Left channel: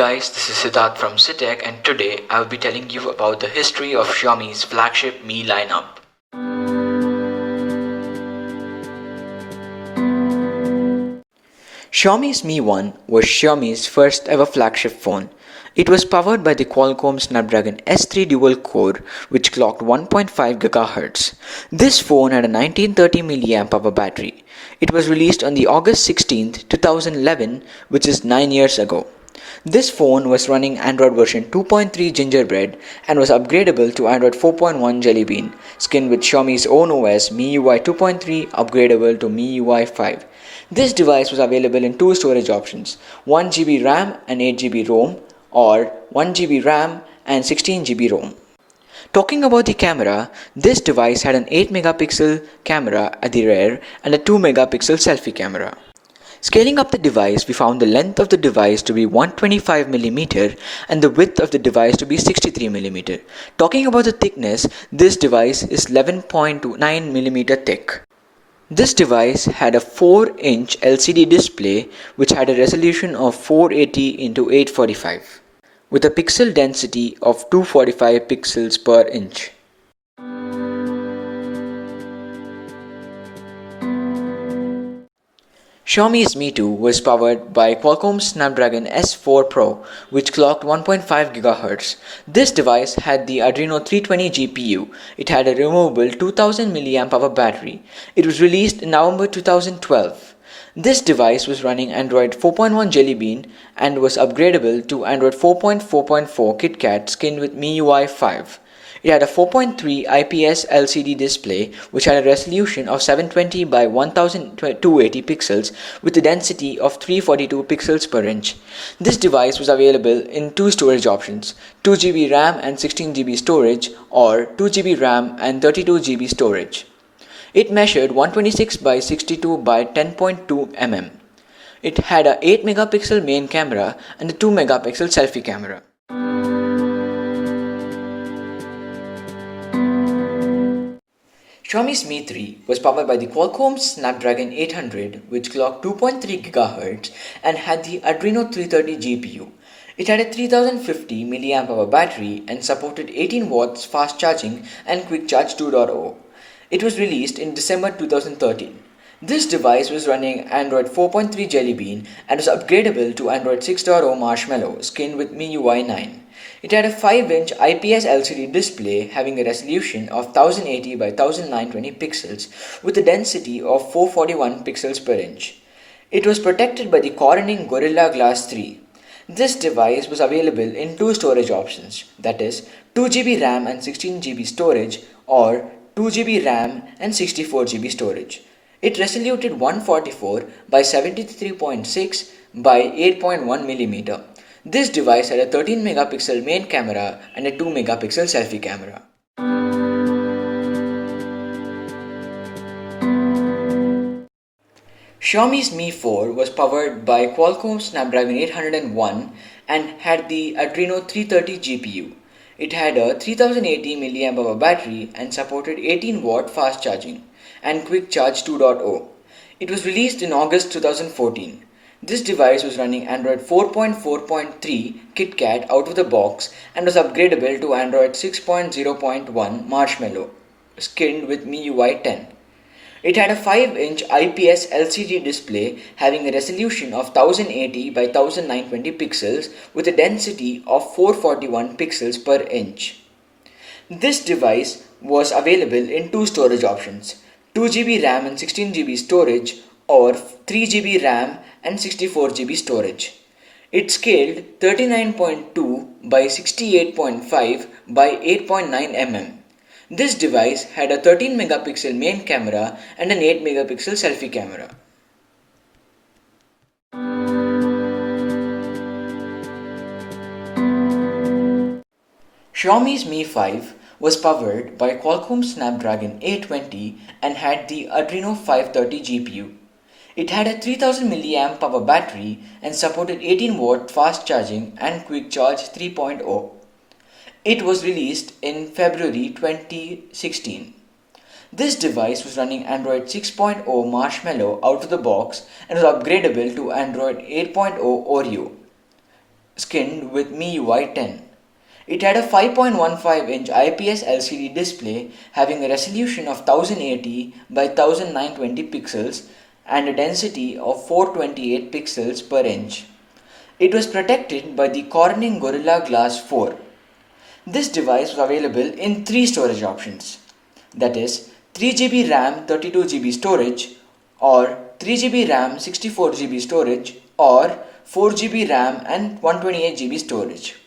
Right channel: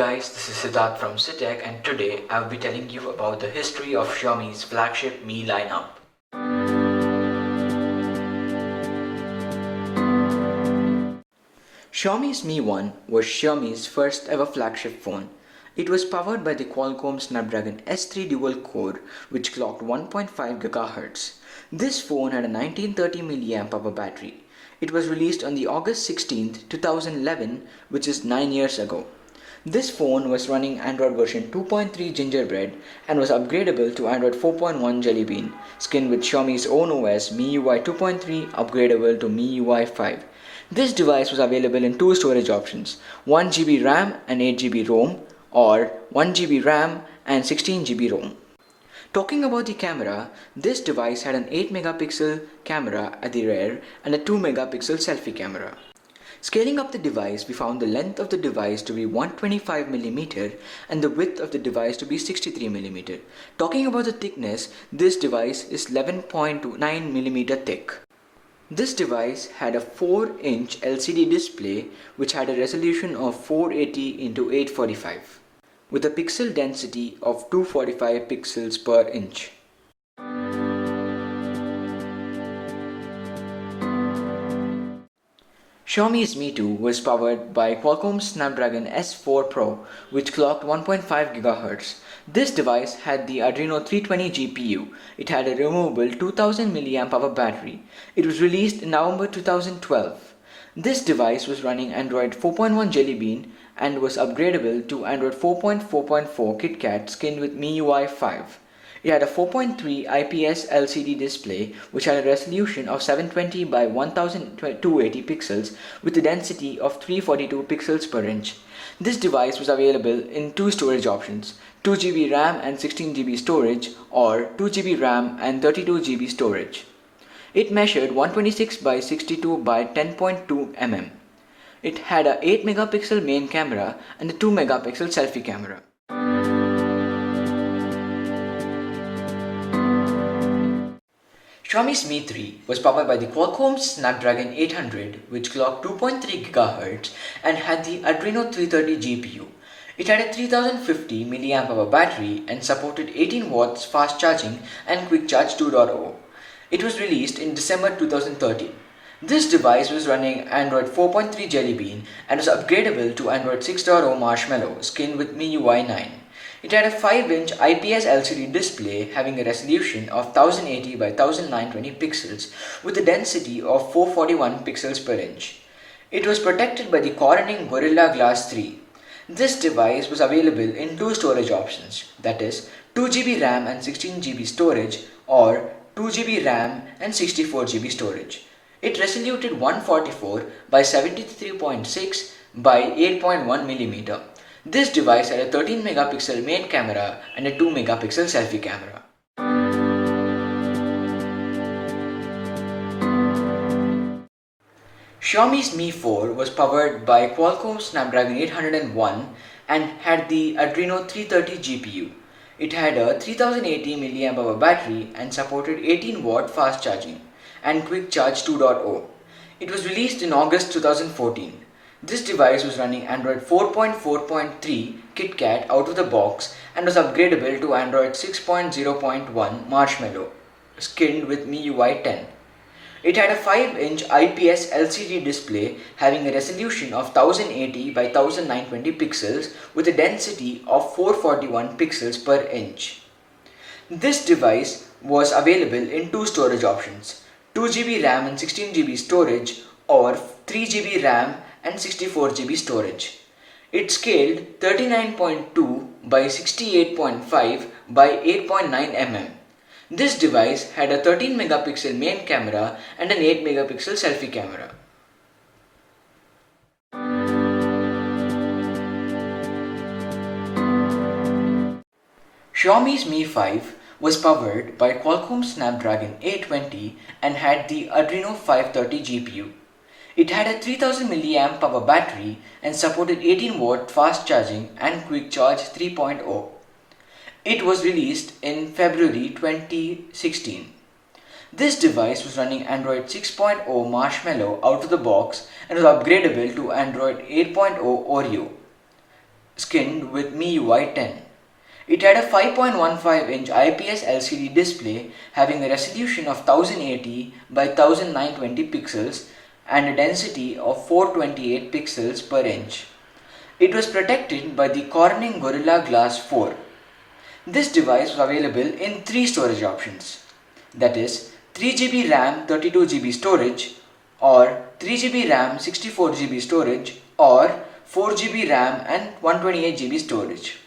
guys, this is Siddharth from Sid Tech, and today I'll be telling you about the history of Xiaomi's flagship Mi lineup. Xiaomi's Mi 1 was Xiaomi's first ever flagship phone. It was powered by the Qualcomm Snapdragon S3 dual core, which clocked 1.5 GHz. This phone had a 1930 mAh battery. It was released on the August 16, 2011, which is 9 years ago. This phone was running Android version 2.3 Gingerbread and was upgradable to Android 4.1 Jelly Bean, skinned with Xiaomi's own OS MIUI 2.3 upgradable to MIUI 5. This device was available in two storage options, 1GB RAM and 8GB ROM, or 1GB RAM and 16GB ROM. Talking about the camera, this device had an 8 megapixel camera at the rear and a 2 megapixel selfie camera. Scaling up the device, we found the length of the device to be 125mm and the width of the device to be 63mm. Talking about the thickness, this device is 11.9mm thick. This device had a 4-inch LCD display which had a resolution of 480 x 845 with a pixel density of 245 pixels per inch. Xiaomi's Mi 2 was powered by Qualcomm Snapdragon S4 Pro, which clocked 1.5 GHz. This device had the Adreno 320 GPU. It had a removable 2000 mAh battery. It was released in November 2012. This device was running Android 4.1 Jelly Bean and was upgradable to Android 4.4.4 KitKat skinned with MIUI 5. It had a 4.3 IPS LCD display which had a resolution of 720 by 1280 pixels with a density of 342 pixels per inch. This device was available in two storage options, 2GB RAM and 16GB storage or 2GB RAM and 32GB storage. It measured 126 by 62 by 10.2 mm. It had a 8 megapixel main camera and a 2 megapixel selfie camera. Xiaomi's Mi 3 was powered by the Qualcomm Snapdragon 800 which clocked 2.3 GHz and had the Adreno 330 GPU. It had a 3050 mAh battery and supported 18 watts fast charging and Quick Charge 2.0. It was released in December 2013. This device was running Android 4.3 Jelly Bean and was upgradable to Android 6.0 Marshmallow skinned with MIUI 9. It had a 5-inch IPS LCD display having a resolution of 1080 by 1920 pixels with a density of 441 pixels per inch. It was protected by the Corning Gorilla Glass 3. This device was available in two storage options, that is 2GB RAM and 16GB storage or 2GB RAM and 64GB storage. It resoluted 144 by 73.6 by 8.1mm. This device had a 13 megapixel main camera and a 2 megapixel selfie camera. Xiaomi's Mi 4 was powered by Qualcomm Snapdragon 801 and had the Adreno 330 GPU. It had a 3080 mAh battery and supported 18-watt fast charging and Quick Charge 2.0. It was released in August 2014. This device was running Android 4.4.3 KitKat out of the box and was upgradable to Android 6.0.1 Marshmallow, skinned with MIUI 10. It had a 5-inch IPS LCD display having a resolution of 1080 by 1920 pixels with a density of 441 pixels per inch. This device was available in two storage options, 2GB RAM and 16GB storage or 3GB RAM and 64GB storage. It scaled 39.2 by 68.5 by 8.9 mm. This device had a 13 megapixel main camera and an 8 megapixel selfie camera. Xiaomi's Mi 5 was powered by Qualcomm Snapdragon 820 and had the Adreno 530 GPU. It had a 3000 mAh battery and supported 18-watt fast charging and Quick Charge 3.0. It was released in February 2016. This device was running Android 6.0 Marshmallow out of the box and was upgradable to Android 8.0 Oreo, skinned with MIUI 10. It had a 5.15-inch IPS LCD display having a resolution of 1080 by 1920 pixels and a density of 428 pixels per inch. It was protected by the Corning Gorilla Glass 4. This device was available in three storage options, that is 3GB RAM 32GB storage, or 3GB RAM 64GB storage, or 4GB RAM and 128GB storage.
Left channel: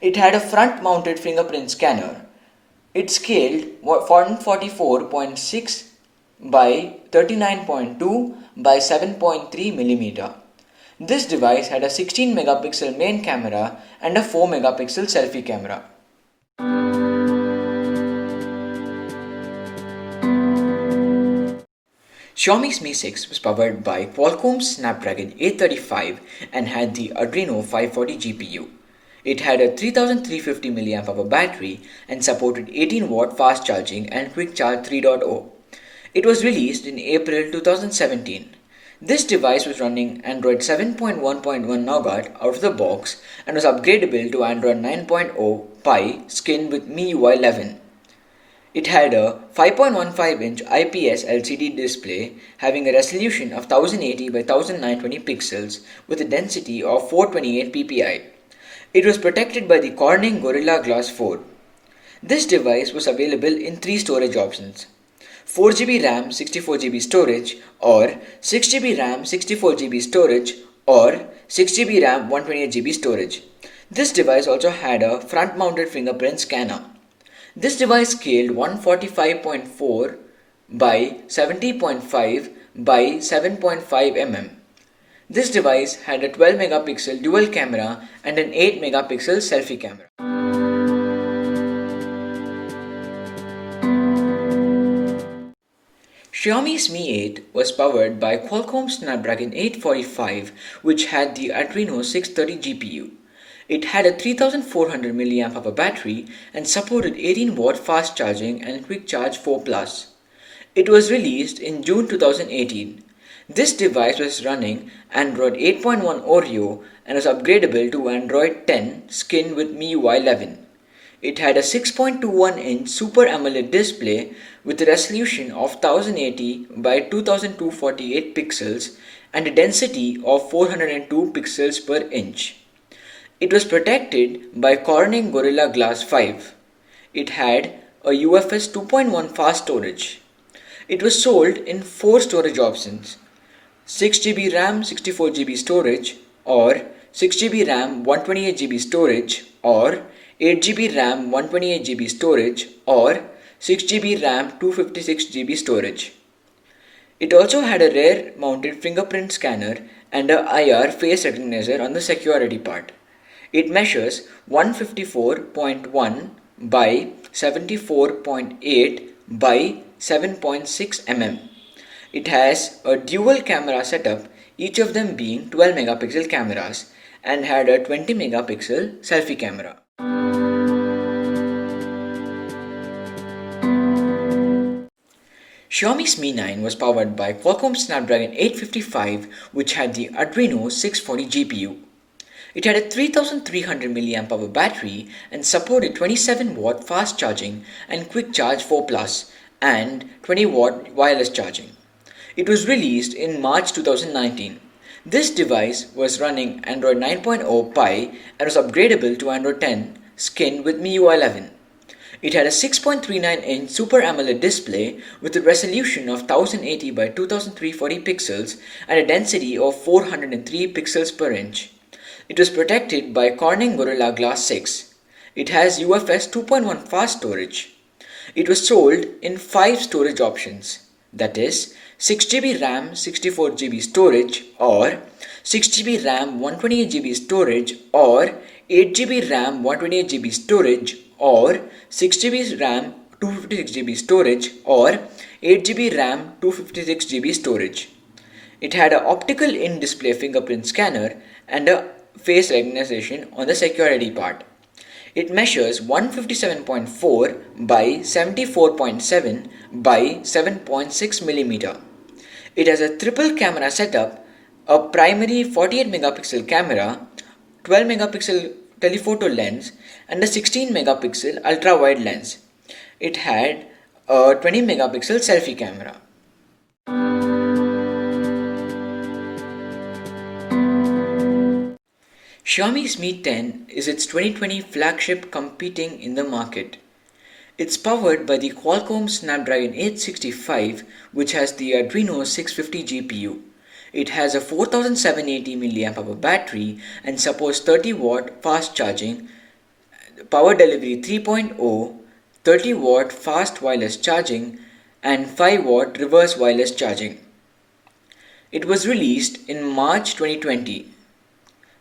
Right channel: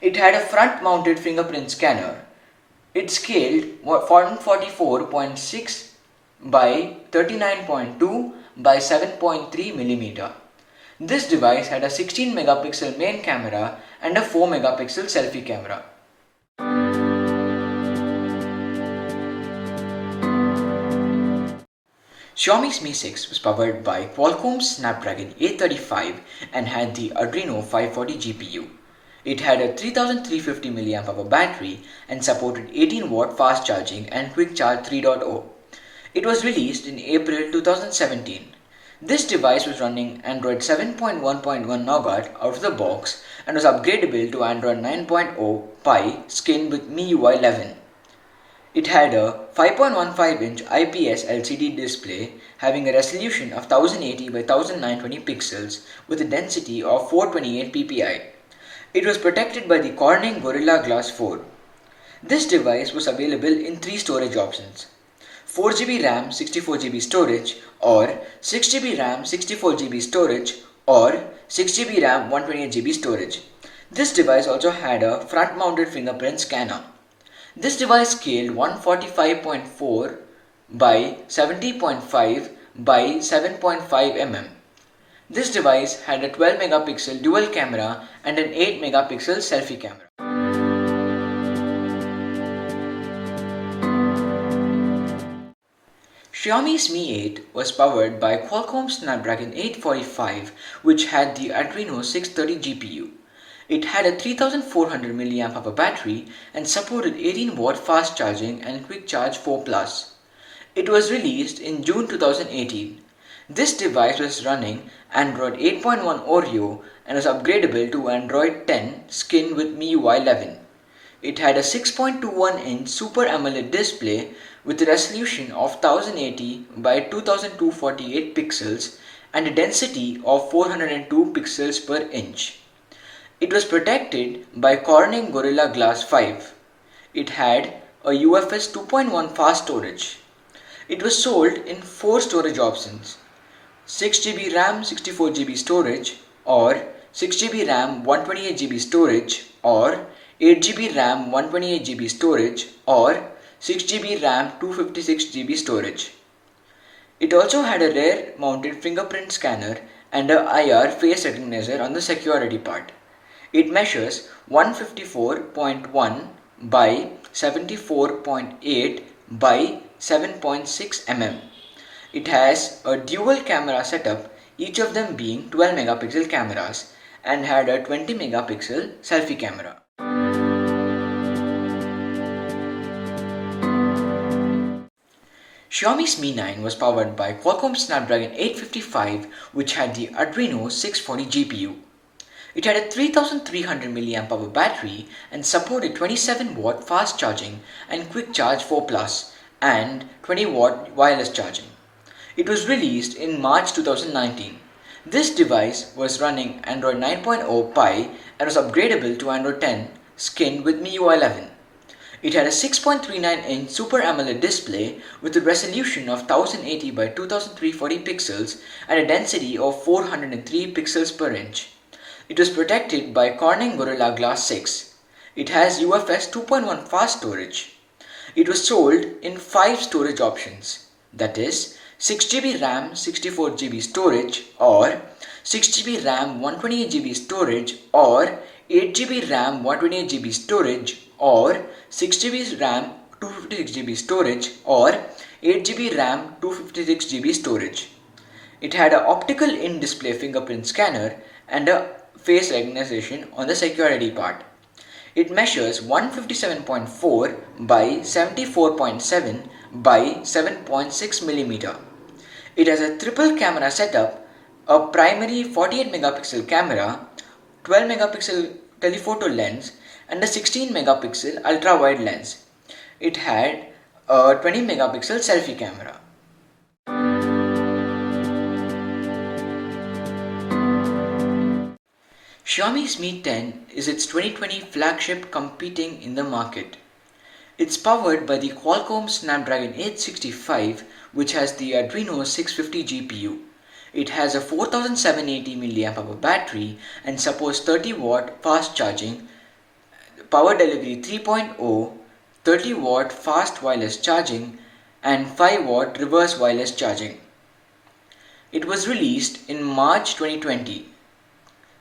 It had a front mounted fingerprint scanner. It scaled 144.6 by 39.2 by 7.3 mm. This device had a 16 megapixel main camera and a 4 megapixel selfie camera. Xiaomi's Mi 6 was powered by Qualcomm's Snapdragon 835 and had the Adreno 540 GPU. It had a 3350 mAh battery and supported 18-watt fast charging and Quick Charge 3.0. It was released in April 2017. This device was running Android 7.1.1 Nougat out of the box and was upgradable to Android 9.0 Pie skin with MIUI 11. It had a 5.15-inch IPS LCD display having a resolution of 1080 by 1920 pixels with a density of 428 ppi. It was protected by the Corning Gorilla Glass 4. This device was available in three storage options: 4GB RAM 64GB storage, or 6GB RAM 64GB storage, or 6GB RAM 128GB storage. This device also had a front-mounted fingerprint scanner. This device scaled 145.4 by 70.5 by 7.5 mm. This device had a 12 megapixel dual camera and an 8 megapixel selfie camera. Xiaomi's Mi 8 was powered by Qualcomm's Snapdragon 845, which had the Adreno 630 GPU. It had a 3400 mAh battery and supported 18-watt fast charging and Quick Charge 4 Plus. It was released in June 2018. This device was running Android 8.1 Oreo and was upgradable to Android 10 skin with MIUI 11. It had a 6.21-inch Super AMOLED display with a resolution of 1080 by 2248 pixels and a density of 402 pixels per inch. It was protected by Corning Gorilla Glass 5. It had a UFS 2.1 fast storage. It was sold in four storage options: 6GB RAM 64GB storage, or 6GB RAM 128GB storage, or 8GB RAM 128GB storage, or 6GB RAM 256GB storage. It also had a rear mounted fingerprint scanner and a IR face recognizer on the security part. It measures 154.1 by 74.8 by 7.6 mm. It has a dual camera setup, each of them being 12 megapixel cameras, and had a 20 megapixel selfie camera. Xiaomi's Mi 9 was powered by Qualcomm's Snapdragon 855, which had the Adreno 640 GPU. It had a 3300 mAh battery and supported 27-watt fast charging and Quick Charge 4 Plus and 20-watt wireless charging. It was released in March 2019. This device was running Android 9.0 Pie and was upgradable to Android 10 skin with MIUI 11. It had a 6.39-inch Super AMOLED display with a resolution of 1080 by 2340 pixels and a density of 403 pixels per inch. It was protected by Corning Gorilla Glass 6. It has UFS 2.1 fast storage. It was sold in 5 storage options, that is 6GB RAM 64GB storage, or 6GB RAM 128GB storage, or 8GB RAM 128GB storage, or 6GB RAM 256GB storage, or 8GB RAM 256GB storage. It had an optical in-display fingerprint scanner and a face recognition on the security part. It measures 157.4 by 74.7 by 7.6 mm. It has a triple camera setup, a primary 48 megapixel camera, 12 megapixel telephoto lens and a 16 megapixel ultra wide lens. It had a 20 megapixel selfie camera. Xiaomi's Mi 10 is its 2020 flagship competing in the market. It's powered by the Qualcomm Snapdragon 865, which has the Adreno 650 GPU. It has a 4780 mAh battery and supports 30-watt fast charging, power delivery 3.0, 30-watt fast wireless charging, and 5-watt reverse wireless charging. It was released in March 2020.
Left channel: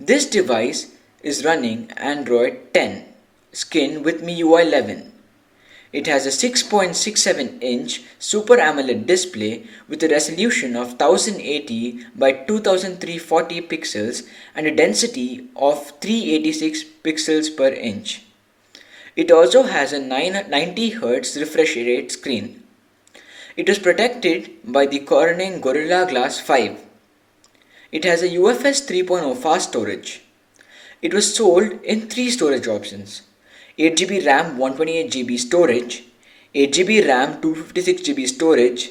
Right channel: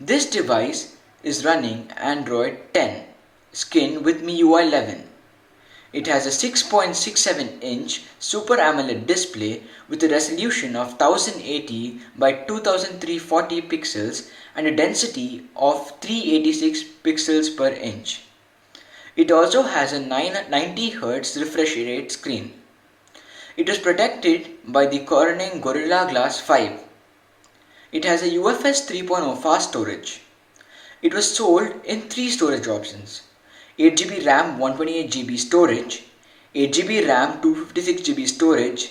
This device is running Android 10 skin with MIUI 11. It has a 6.67-inch Super AMOLED display with a resolution of 1080 by 2340 pixels and a density of 386 pixels per inch. It also has a 90Hz refresh rate screen. It is protected by the Corning Gorilla Glass 5. It has a UFS 3.0 fast storage. It was sold in 3 storage options: 8GB RAM 128GB storage, 8GB RAM 256GB storage,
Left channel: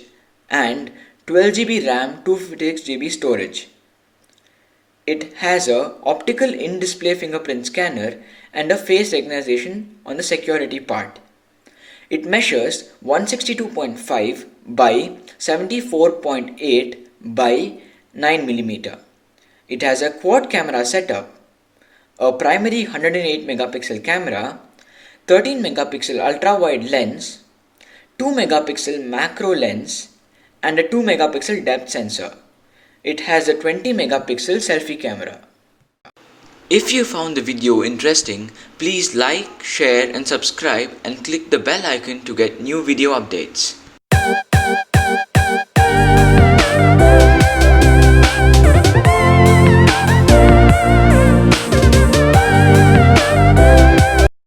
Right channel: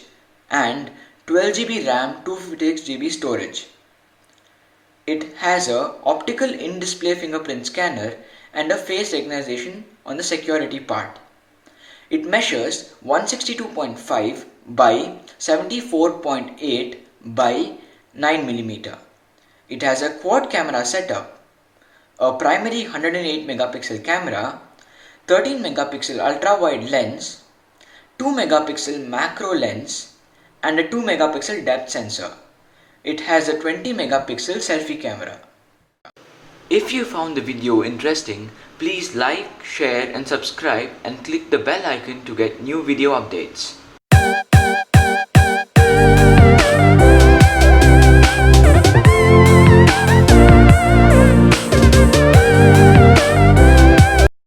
and 12GB RAM 256GB storage. It has a optical in-display fingerprint scanner and a face recognition on the security part. It measures 162.5 by 74.8 by 9 mm. It has a quad camera setup, a primary 108 megapixel camera, 13 megapixel ultra wide lens, 2 megapixel macro lens, and a 2 megapixel depth sensor. It has a 20 megapixel selfie camera. If you found the video interesting, please like, share and subscribe and click the bell icon to get new video updates.